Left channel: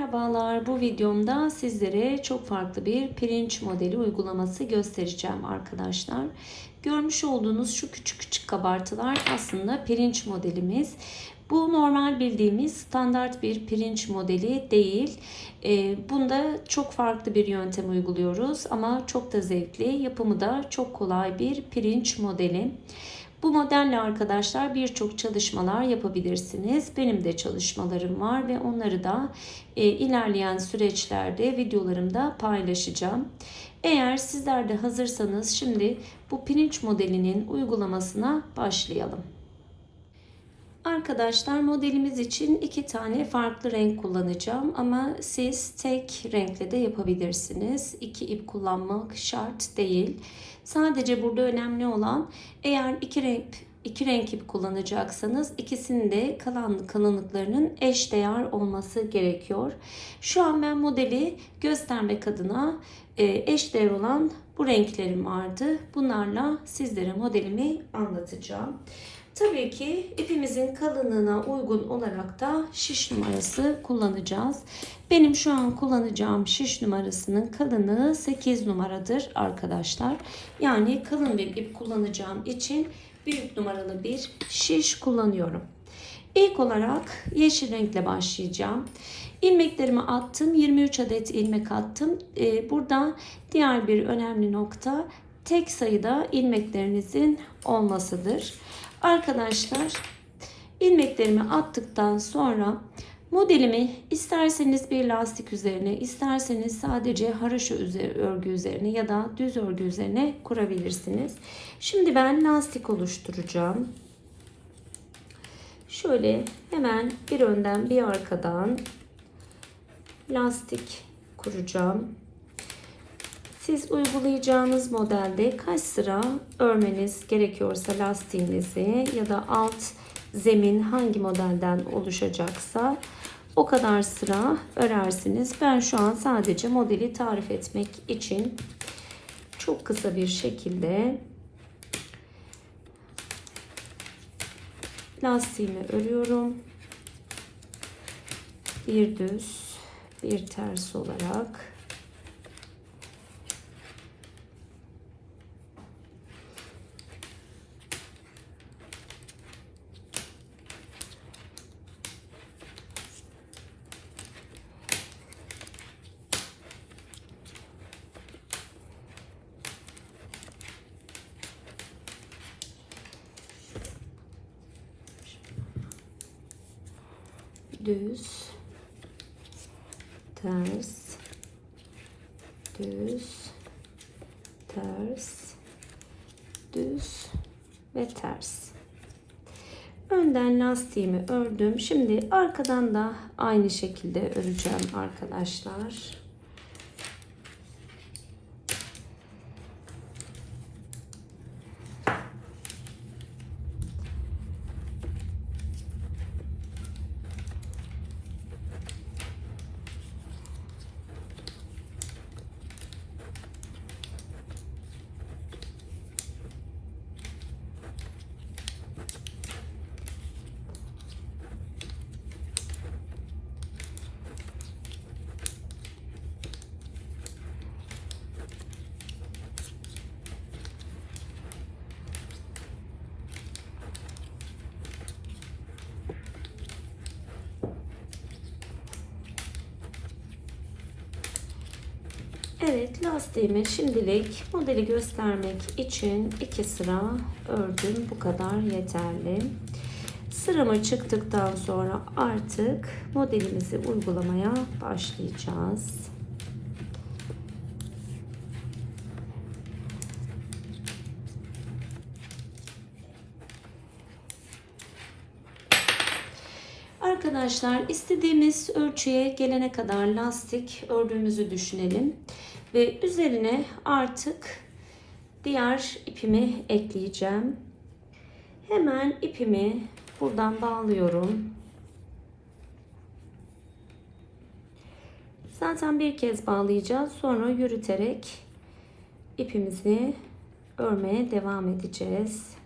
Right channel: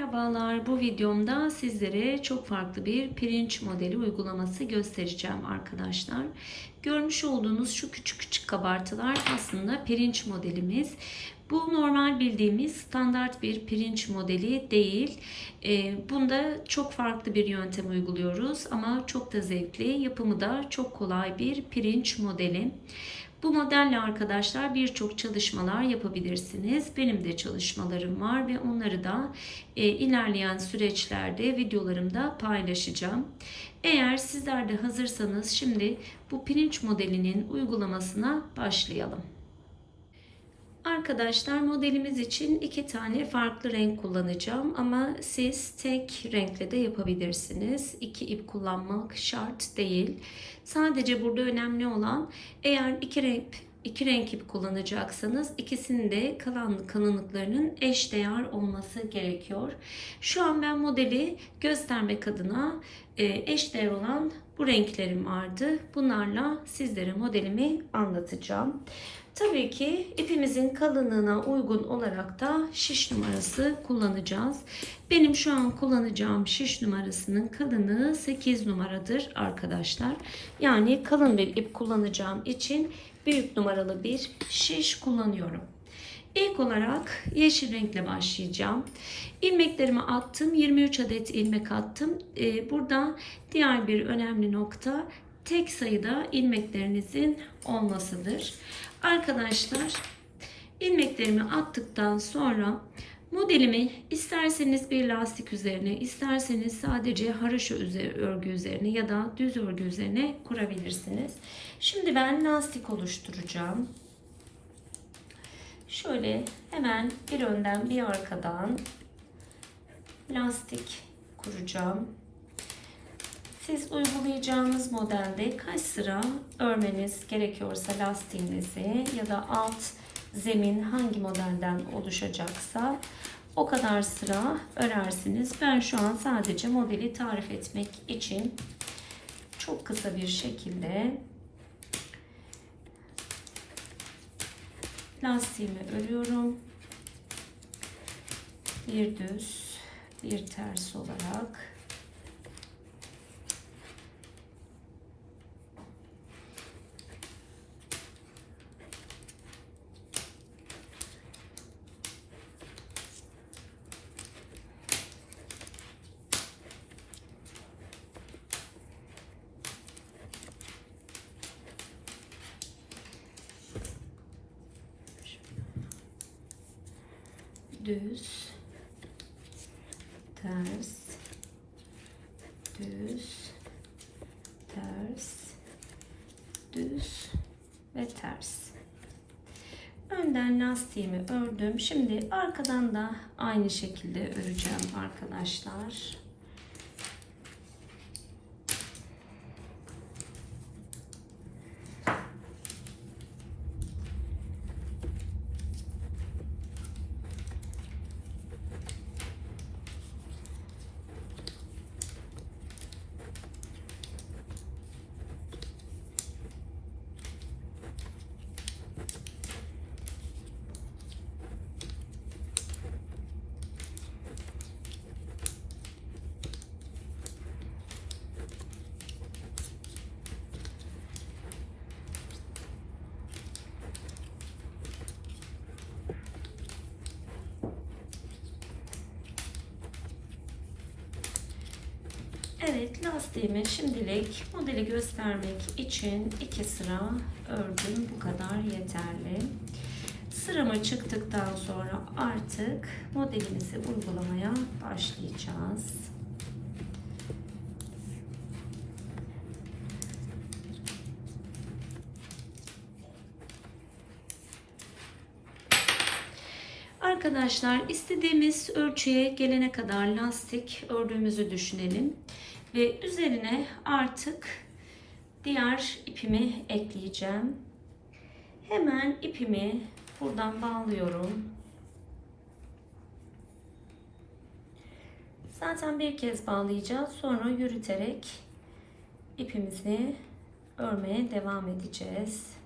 Merhabalar, bu videomda sizlere çok farklı bir pirinç modeli uygulaması göstereceğim arkadaşlar. Görmüş olduğunuz şu küçük küçük kabartılar aslında pirinç modelimiz. Bu normal bildiğimiz standart bir pirinç modeli değil. Ee, Bunda çok farklı bir yöntem uyguluyoruz ama çok da zevkli, yapımı da çok kolay bir pirinç modeli. Bu modelle arkadaşlar birçok çalışmalar yapabilirsiniz. Benim de çalışmalarım var ve onları da e, ilerleyen süreçlerde videolarımda paylaşacağım. Eğer sizler de hazırsanız şimdi bu pirinç modelinin uygulamasına başlayalım. Arkadaşlar modelimiz için iki tane farklı renk kullanacağım ama siz tek renkle de yapabilirsiniz. İki ip kullanmak şart değil. Sadece burada önemli olan eğer iki renk iki renk ip kullanacaksanız ikisinin de kalan kalınlıklarının eş değer olması gerekiyor. Şu an ben modeli göstermek adına e, eş değer olan bu renklerim vardı. Bunlarla sizlere modelimi anlatacağım. Tabii ki ipimizin kalınlığına uygun olarak da şiş numarası kullanacağız. Benim şu an kullanacağım şiş numarasının kalınlığı 8 numaradır arkadaşlar. Yani kalın bir ip kullanacağım için büyük numaralı bir şiş kullanıyorum. İlk olarak yeşil renkle başlayacağım. İlmeklerimi attım. 23 adet ilmek attım. Ee, burada diğer bir önemli nokta tek sayıda ilmeklerinizin olmasıdır. Arkadaşlar ilmeklerimi attıktan sonra modelimi isterseniz bir lastik üzerine isterseniz sadece haraşo örgü üzerine ya da düz örgü üzerine kurabilirsiniz. Şimdi ben lastik oluşturacağım. Şöyle hemen bir önden bir arkadan lastik kuracağım. Siz uygulayacağınız modelde kaç sıra örmeniz gerekiyorsa lastiğinizi ya da alt zemin hangi modelden oluşacaksa o kadar sıra örersiniz. Ben şu an sadece modeli tarif etmek için çok kısa bir şekilde lastiğimi örüyorum. Bir düz, bir ters olarak düz. Ters. Düz. Ters. Düz ve ters. Önden lastiğimi ördüm. Şimdi arkadan da aynı şekilde öreceğim arkadaşlar Evet lastiğimi şimdilik modeli göstermek için iki sıra ördüm. Bu kadar yeterli. Sırama çıktıktan sonra artık modelimizi uygulamaya başlayacağız. Arkadaşlar istediğimiz ölçüye gelene kadar lastik ördüğümüzü düşünelim. Ve üzerine artık diğer ipimi ekleyeceğim. Hemen ipimi buradan bağlıyorum. Zaten bir kez bağlayacağız. Sonra yürüterek ipimizi örmeye devam edeceğiz.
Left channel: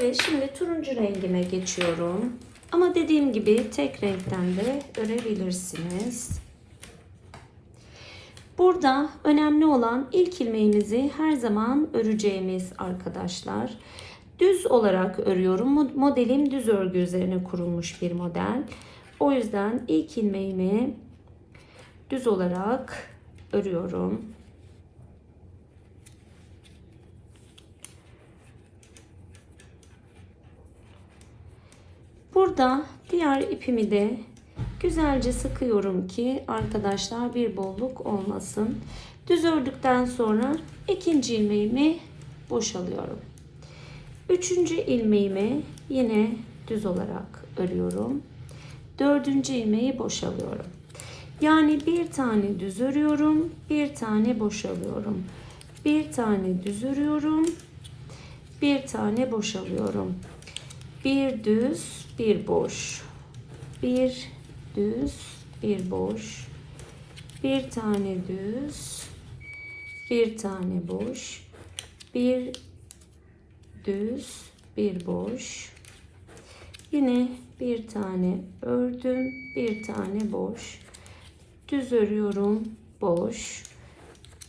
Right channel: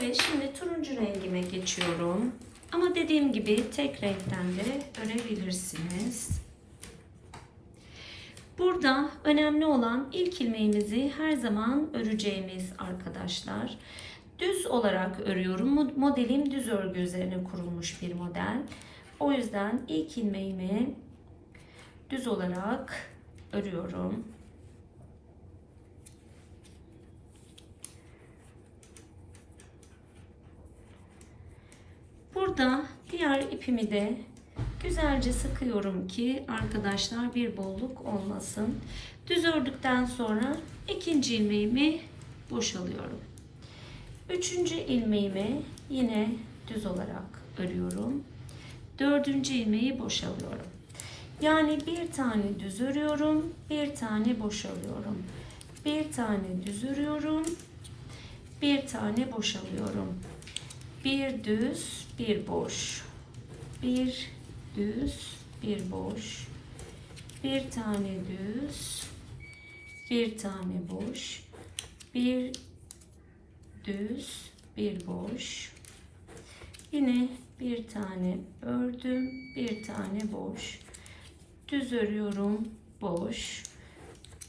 Evet şimdi turuncu rengime geçiyorum. Ama dediğim gibi tek renkten de örebilirsiniz. Burada önemli olan ilk ilmeğimizi her zaman öreceğimiz arkadaşlar. Düz olarak örüyorum. Modelim düz örgü üzerine kurulmuş bir model. O yüzden ilk ilmeğimi düz olarak örüyorum. Burada diğer ipimi de güzelce sıkıyorum ki arkadaşlar bir bolluk olmasın. Düz ördükten sonra ikinci ilmeğimi boşalıyorum. Üçüncü ilmeğimi yine düz olarak örüyorum. Dördüncü ilmeği boşalıyorum. Yani bir tane düz örüyorum, bir tane boşalıyorum. Bir tane düz örüyorum, bir tane boşalıyorum. Bir düz, bir boş. Bir düz, bir boş. Bir tane düz, bir tane boş. Bir düz, bir boş. Yine bir tane ördüm, bir tane boş. Düz örüyorum, boş.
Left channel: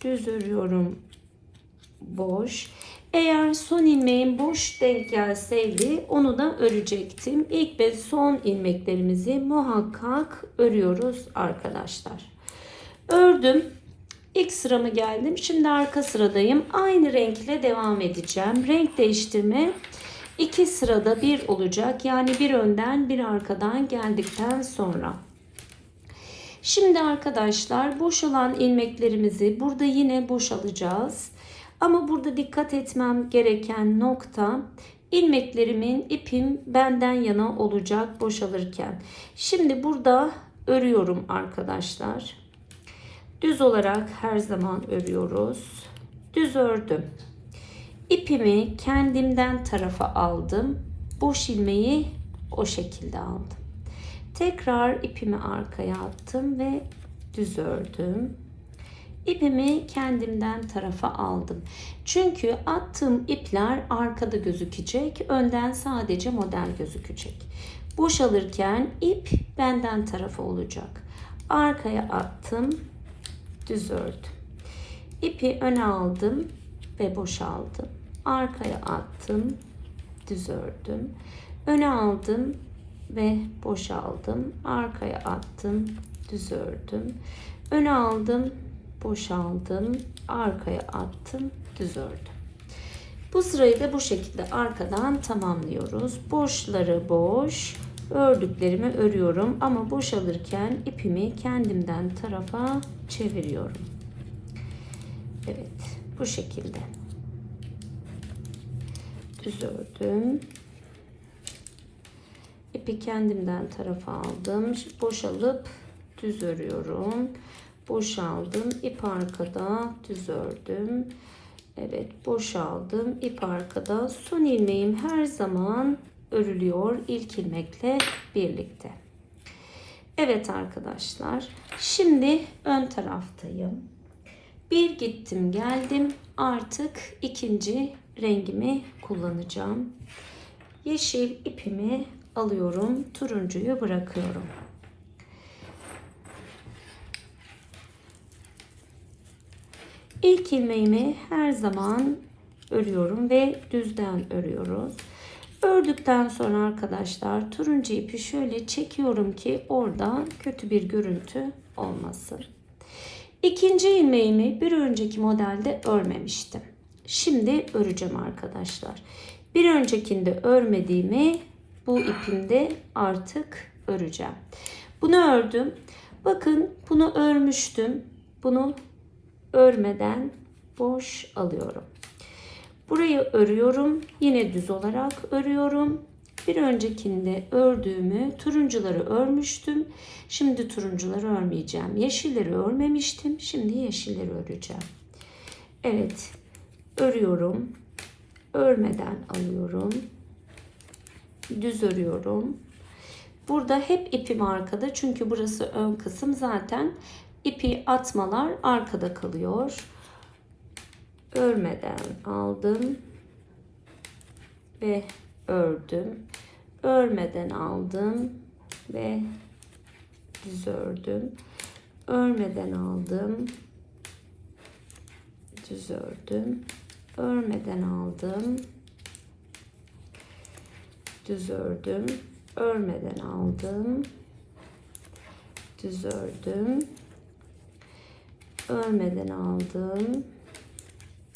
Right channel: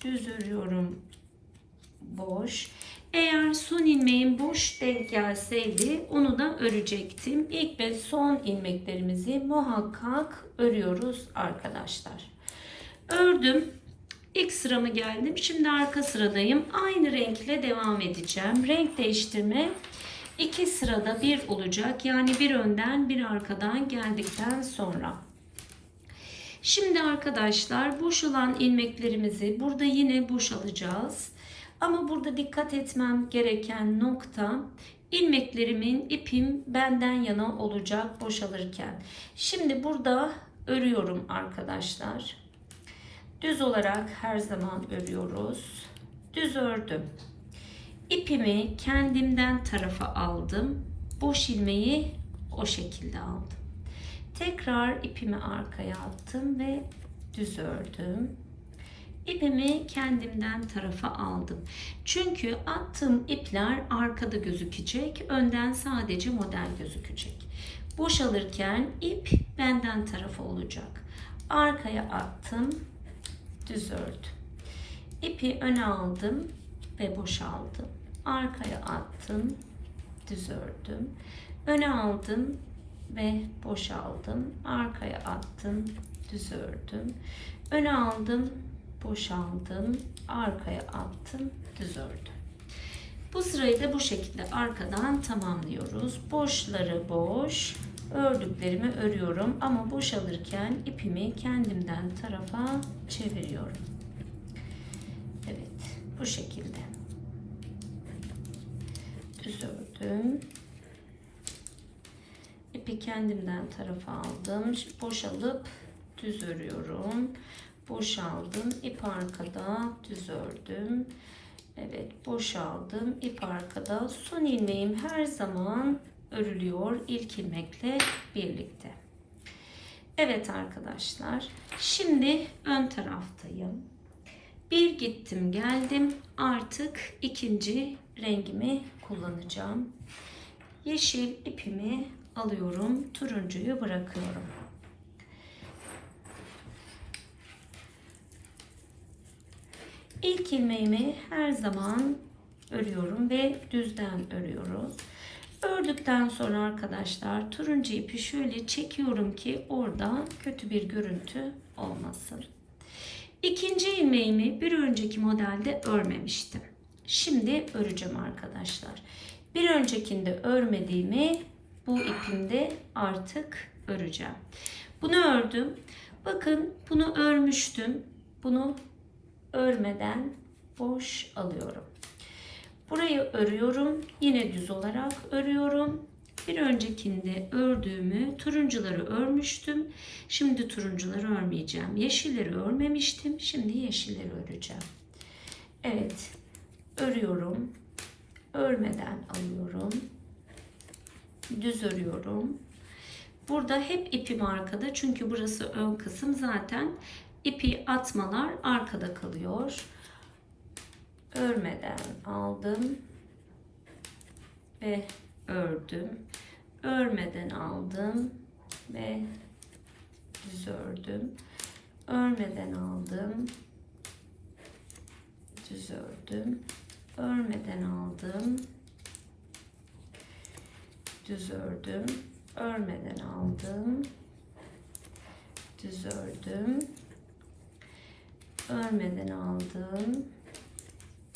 Düz örüyorum, boş. Eğer son ilmeğim boş denk gelseydi onu da örecektim. İlk ve son ilmeklerimizi muhakkak örüyoruz arkadaşlar. Ördüm. İlk sıramı geldim. Şimdi arka sıradayım. Aynı renkle devam edeceğim. Renk değiştirme iki sırada bir olacak. Yani bir önden bir arkadan geldikten sonra. Şimdi arkadaşlar boşalan ilmeklerimizi burada yine boşalacağız. Ama burada dikkat etmem gereken nokta ilmeklerimin ipim benden yana olacak boşalırken. Şimdi burada örüyorum arkadaşlar. Düz olarak her zaman örüyoruz. Düz ördüm. İpimi kendimden tarafa aldım. Boş ilmeği o şekilde aldım. Tekrar ipimi arkaya attım ve düz ördüm. İpimi kendimden tarafa aldım. Çünkü attığım ipler arkada gözükecek. Önden sadece model gözükecek. Boşalırken ip benden tarafa olacak. Arkaya attım. Düz ördüm. İpi öne aldım ve boşaldım. Arkaya attım. Düz ördüm. Öne aldım ve boşaldım. Arkaya attım. Düz ördüm. Öne aldım boşaldım, arkaya attım, düz ördüm. Bu sırayı da bu şekilde arkadan tamamlıyoruz. Boşları boş, ördüklerimi örüyorum ama boşalırken ipimi kendimden tarafa çeviriyorum. Evet, bu şekilde. Düz ördüm. İpi kendimden tarafa aldım. Boşalıp düz örüyorum boşaldım. İp arkada düz ördüm. Evet boşaldım. İp arkada son ilmeğim her zaman örülüyor ilk ilmekle birlikte. Evet arkadaşlar şimdi ön taraftayım. Bir gittim geldim. Artık ikinci rengimi kullanacağım. Yeşil ipimi alıyorum turuncuyu bırakıyorum İlk ilmeğimi her zaman örüyorum ve düzden örüyoruz. Ördükten sonra arkadaşlar turuncu ipi şöyle çekiyorum ki orada kötü bir görüntü olmasın. İkinci ilmeğimi bir önceki modelde örmemiştim. Şimdi öreceğim arkadaşlar. Bir öncekinde örmediğimi bu ipimde artık öreceğim. Bunu ördüm. Bakın bunu örmüştüm. Bunu örmeden boş alıyorum. Burayı örüyorum. Yine düz olarak örüyorum. Bir öncekinde ördüğümü turuncuları örmüştüm. Şimdi turuncuları örmeyeceğim. Yeşilleri örmemiştim. Şimdi yeşilleri öreceğim. Evet. Örüyorum. Örmeden alıyorum. Düz örüyorum. Burada hep ipim arkada. Çünkü burası ön kısım zaten ipi atmalar arkada kalıyor. Örmeden aldım ve ördüm. Örmeden aldım ve düz ördüm. Örmeden aldım. Düz ördüm. Örmeden aldım. Düz ördüm. Örmeden aldım. Düz ördüm. Örmeden aldım.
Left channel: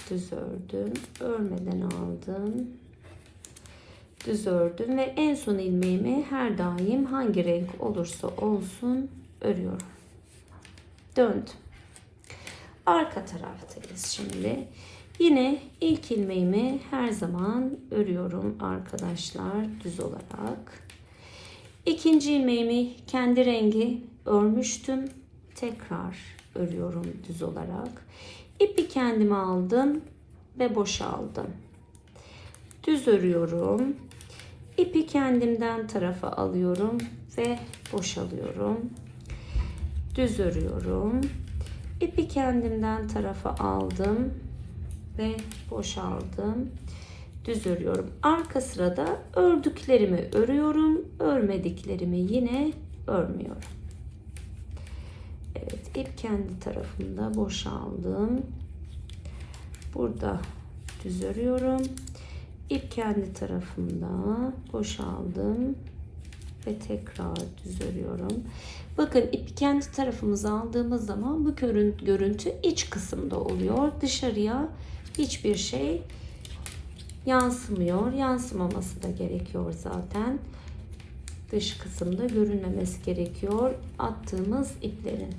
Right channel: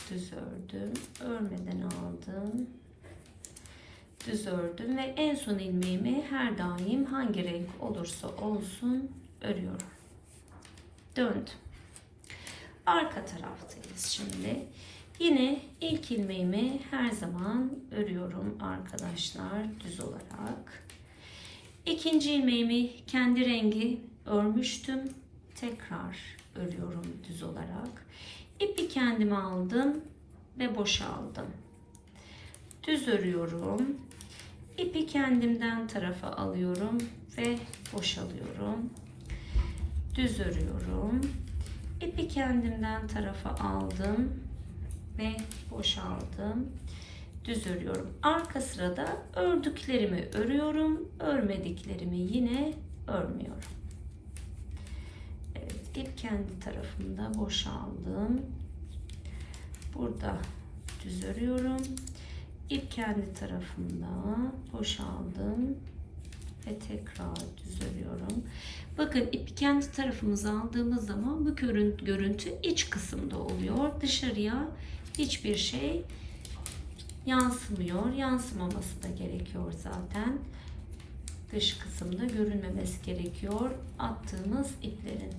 Düz ördüm. Örmeden aldım. Düz ördüm ve en son ilmeğimi her daim hangi renk olursa olsun örüyorum. Döndüm. Arka taraftayız şimdi. Yine ilk ilmeğimi her zaman örüyorum arkadaşlar düz olarak. İkinci ilmeğimi kendi rengi örmüştüm. Tekrar örüyorum düz olarak. İpi kendime aldım ve boşaldım. Düz örüyorum. İpi kendimden tarafa alıyorum ve boşalıyorum. Düz örüyorum. İpi kendimden tarafa aldım ve boşaldım. Düz örüyorum. Arka sırada ördüklerimi örüyorum. Örmediklerimi yine örmüyorum. Evet, ip kendi tarafında boşaldım. Burada düz örüyorum. İp kendi tarafında boşaldım ve tekrar düz örüyorum. Bakın ipi kendi tarafımıza aldığımız zaman bu görün- görüntü iç kısımda oluyor. Dışarıya hiçbir şey yansımıyor. Yansımaması da gerekiyor zaten. Dış kısımda görünmemesi gerekiyor attığımız iplerin.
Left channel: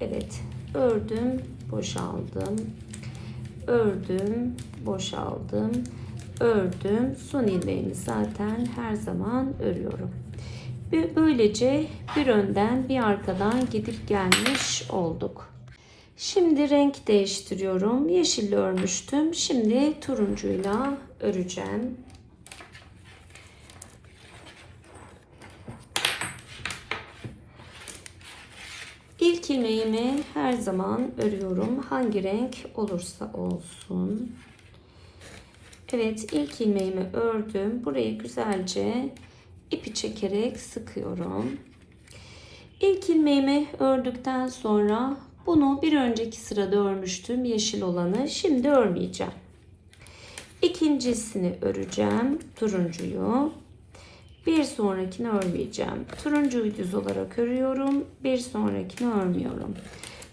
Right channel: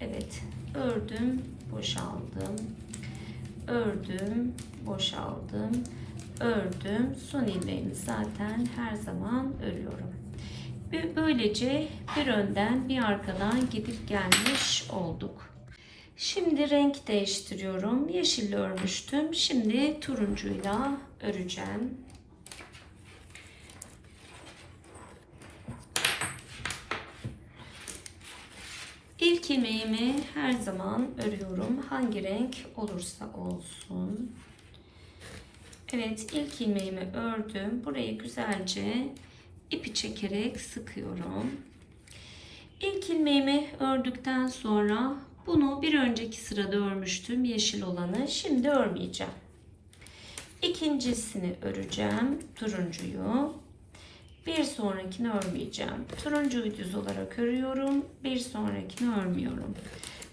Evet, ördüm, boşaldım. Ördüm, boşaldım. Ördüm. Son ilmeğimi zaten her zaman örüyorum. Ve böylece bir önden bir arkadan gidip gelmiş olduk. Şimdi renk değiştiriyorum. Yeşille örmüştüm. Şimdi turuncuyla öreceğim. İlk ilmeğimi her zaman örüyorum. Hangi renk olursa olsun. Evet ilk ilmeğimi ördüm. Burayı güzelce ipi çekerek sıkıyorum. İlk ilmeğimi ördükten sonra bunu bir önceki sırada örmüştüm yeşil olanı. Şimdi örmeyeceğim. İkincisini öreceğim. Turuncuyu. Bir sonrakini örmeyeceğim. Turuncuyu düz olarak örüyorum. Bir sonrakini örmüyorum.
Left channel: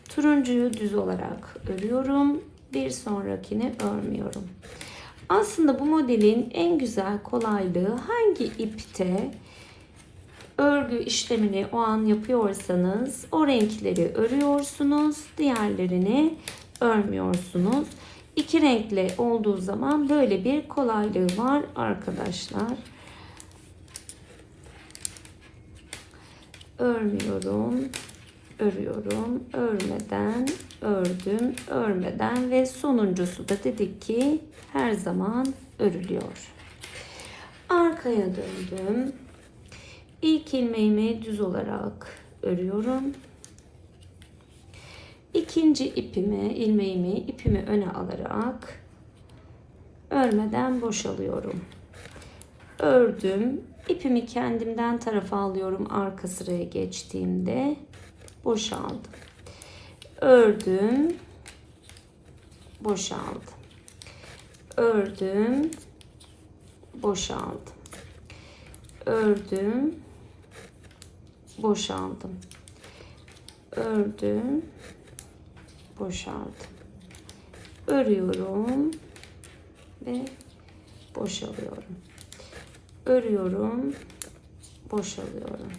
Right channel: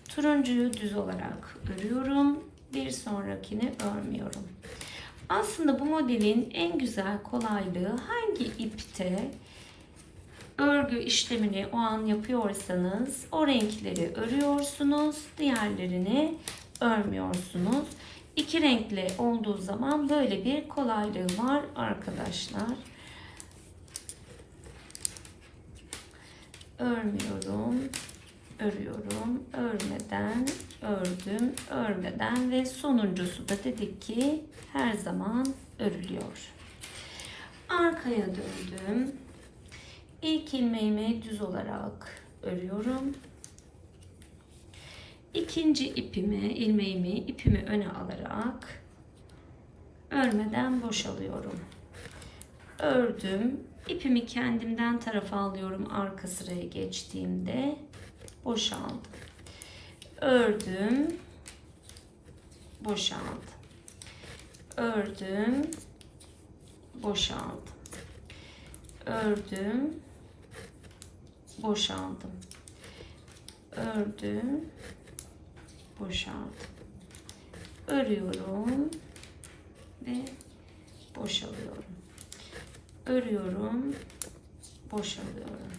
Turuncuyu düz olarak örüyorum. Bir sonrakini örmüyorum. Aslında bu modelin en güzel kolaylığı hangi ipte örgü işlemini o an yapıyorsanız o renkleri örüyorsunuz. Diğerlerini örmüyorsunuz. İki renkli olduğu zaman böyle bir kolaylığı var arkadaşlar. Örmüyorum, örüyorum, örmeden, ördüm, örmeden ve sonuncusu da dedik ki her zaman örülüyor. Arkaya döndüm. İlk ilmeğimi düz olarak örüyorum. İkinci ipimi, ilmeğimi, ipimi öne alarak örmeden boşalıyorum. Ördüm, İpimi kendimden tarafa alıyorum arka sıraya geçtiğimde. Boşaldım. Ördüm. Boşaldım. Ördüm. Boşaldım. Ördüm. Boşaldım. Ördüm. Boşaldım. Örüyorum ve boşalıyorum örüyorum, boşalıyorum.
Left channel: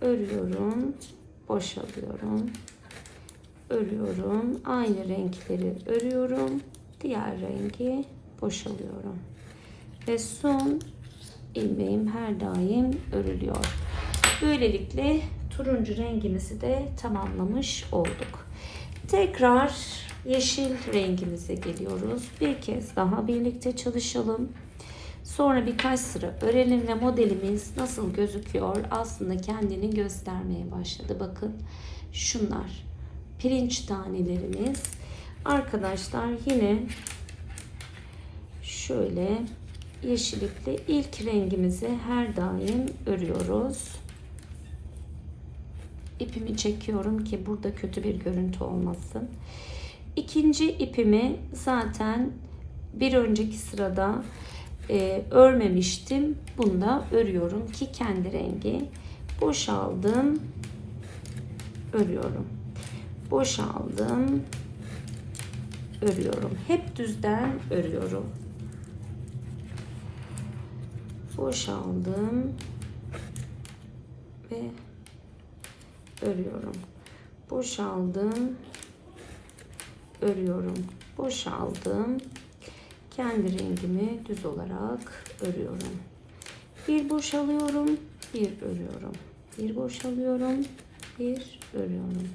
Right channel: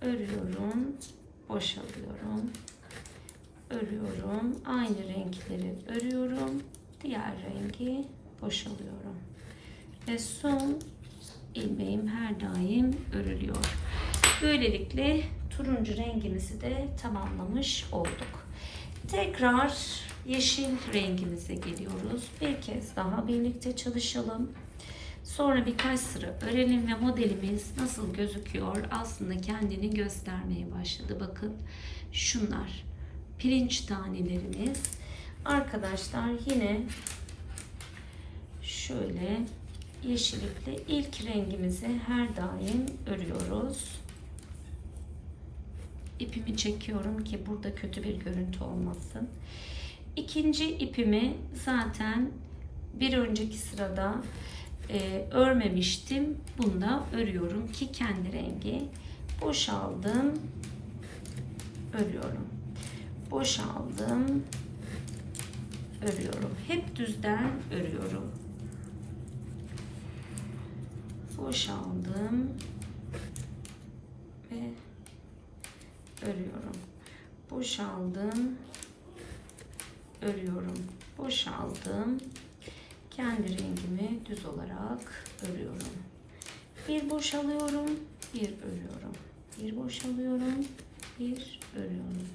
Örüyorum, boşalıyorum. Örüyorum. Aynı renkleri örüyorum. Diğer rengi boşalıyorum. Ve son ilmeğim her daim örülüyor. Böylelikle turuncu rengimizi de tamamlamış olduk. Tekrar yeşil rengimize geliyoruz. Bir kez daha birlikte çalışalım. Sonra birkaç sıra örelim ve modelimiz nasıl gözüküyor aslında kendini göstermeye başladı. Bakın şunlar pirinç tanelerimiz. Arkadaşlar yine şöyle yeşil iple ilk rengimizi her daim örüyoruz. İpimi çekiyorum ki burada kötü bir görüntü olmasın. İkinci ipimi zaten bir önceki sırada e, örmemiştim. Bunda örüyorum ki kendi rengi. Boşaldım. Örüyorum. Boşaldım. Örüyorum. Hep düzden örüyorum. Boşaldım. Ve örüyorum. Boşaldım. Örüyorum. Boşaldım. Kendi rengimi düz olarak örüyorum. Bir boşalıyorum, bir örüyorum. Bir boşalıyorum, bir örüyorum.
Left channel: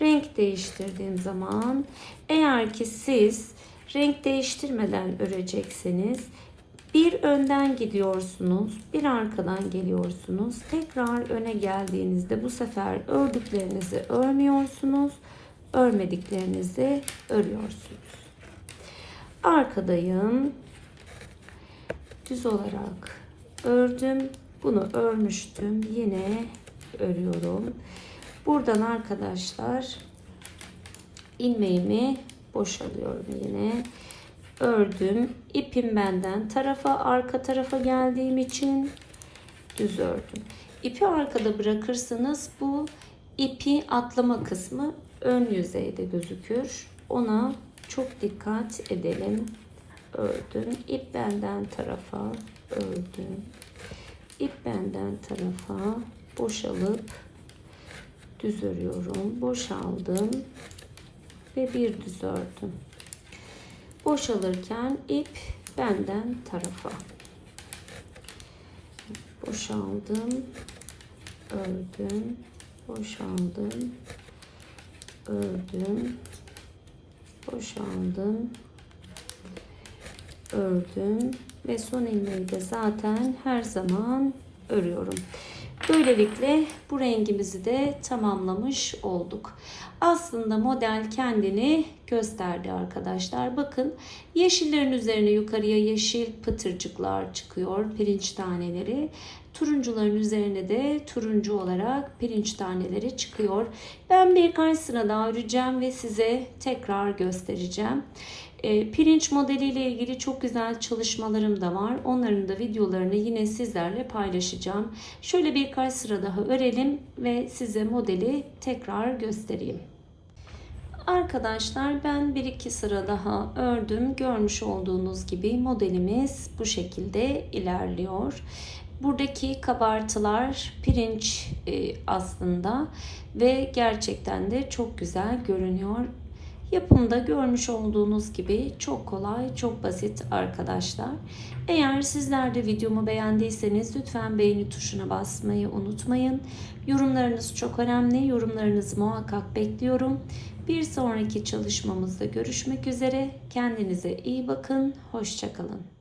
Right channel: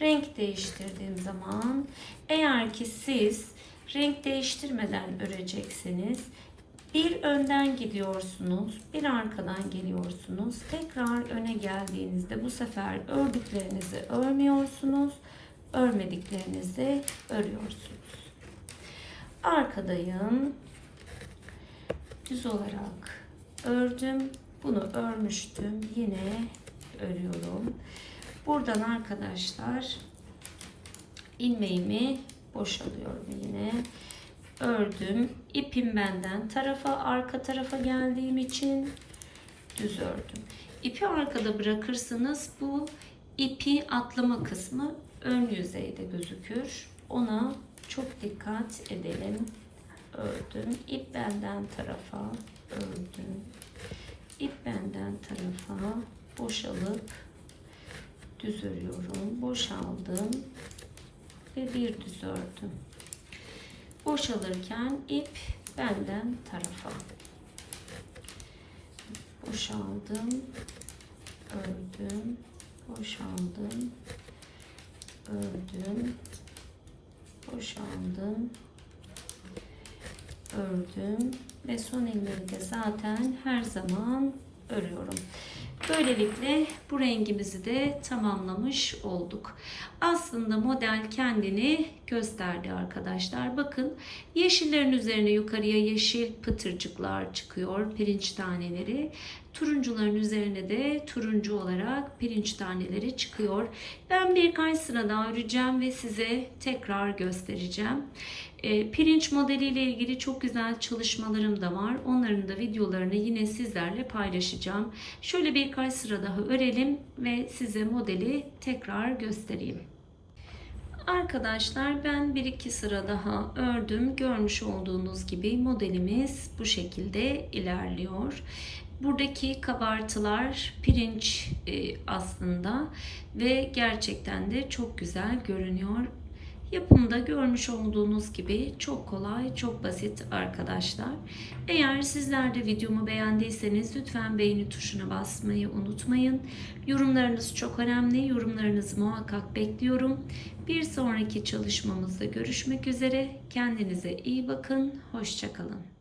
Renk değiştirdiğim zaman eğer ki siz renk değiştirmeden örecekseniz bir önden gidiyorsunuz, bir arkadan geliyorsunuz. Tekrar öne geldiğinizde bu sefer ördüklerinizi örmüyorsunuz, örmediklerinizi örüyorsunuz. Arkadayım. Düz olarak ördüm. Bunu örmüştüm. Yine örüyorum. Buradan arkadaşlar ilmeğimi boşalıyorum yine. Ördüm. İpim benden tarafa arka tarafa geldiğim için düz ördüm. İpi arkada bırakırsanız bu ipi atlama kısmı ön yüzeyde gözükür. Ona çok dikkat edelim. Ördüm. İp benden tarafa ördüm. İp benden tarafa boşalıp düz örüyorum. Boşaldım ve bir düz ördüm. Boşalırken ip benden tarafa. Boşaldım. Ördüm. Boşaldım. Ördüm. Boşaldım. Ördüm. Ve son ilmeği de zaten her zaman örüyorum. Böylelikle bu rengimizi de tamamlamış olduk. Aslında model kendini gösterdi arkadaşlar. Bakın yeşillerin üzerine yukarıya yeşil pıtırcıklar çıkıyor. Pirinç taneleri. Turuncuların üzerine de turuncu olarak pirinç taneleri çıkıyor. Ben birkaç sıra daha öreceğim ve size tekrar göstereceğim. E, pirinç modeliyle ilgili çok güzel çalışmalarım da var. Onların da videolarını yine sizlerle paylaşacağım. Şöyle birkaç sıra daha örelim ve size modeli tekrar göstereyim. Arkadaşlar ben bir iki sıra daha ördüm. Görmüş olduğunuz gibi modelimiz bu şekilde ilerliyor. Buradaki kabartılar pirinç e, aslında ve gerçekten de çok güzel görünüyor. Yapımda görmüş olduğunuz gibi çok kolay, çok basit arkadaşlar. Eğer sizler de videomu beğendiyseniz lütfen beğeni tuşuna basmayı unutmayın. Yorumlarınız çok önemli. Yorumlarınızı muhakkak bekliyorum. Bir sonraki çalışmamızda görüşmek üzere. Kendinize iyi bakın. Hoşçakalın.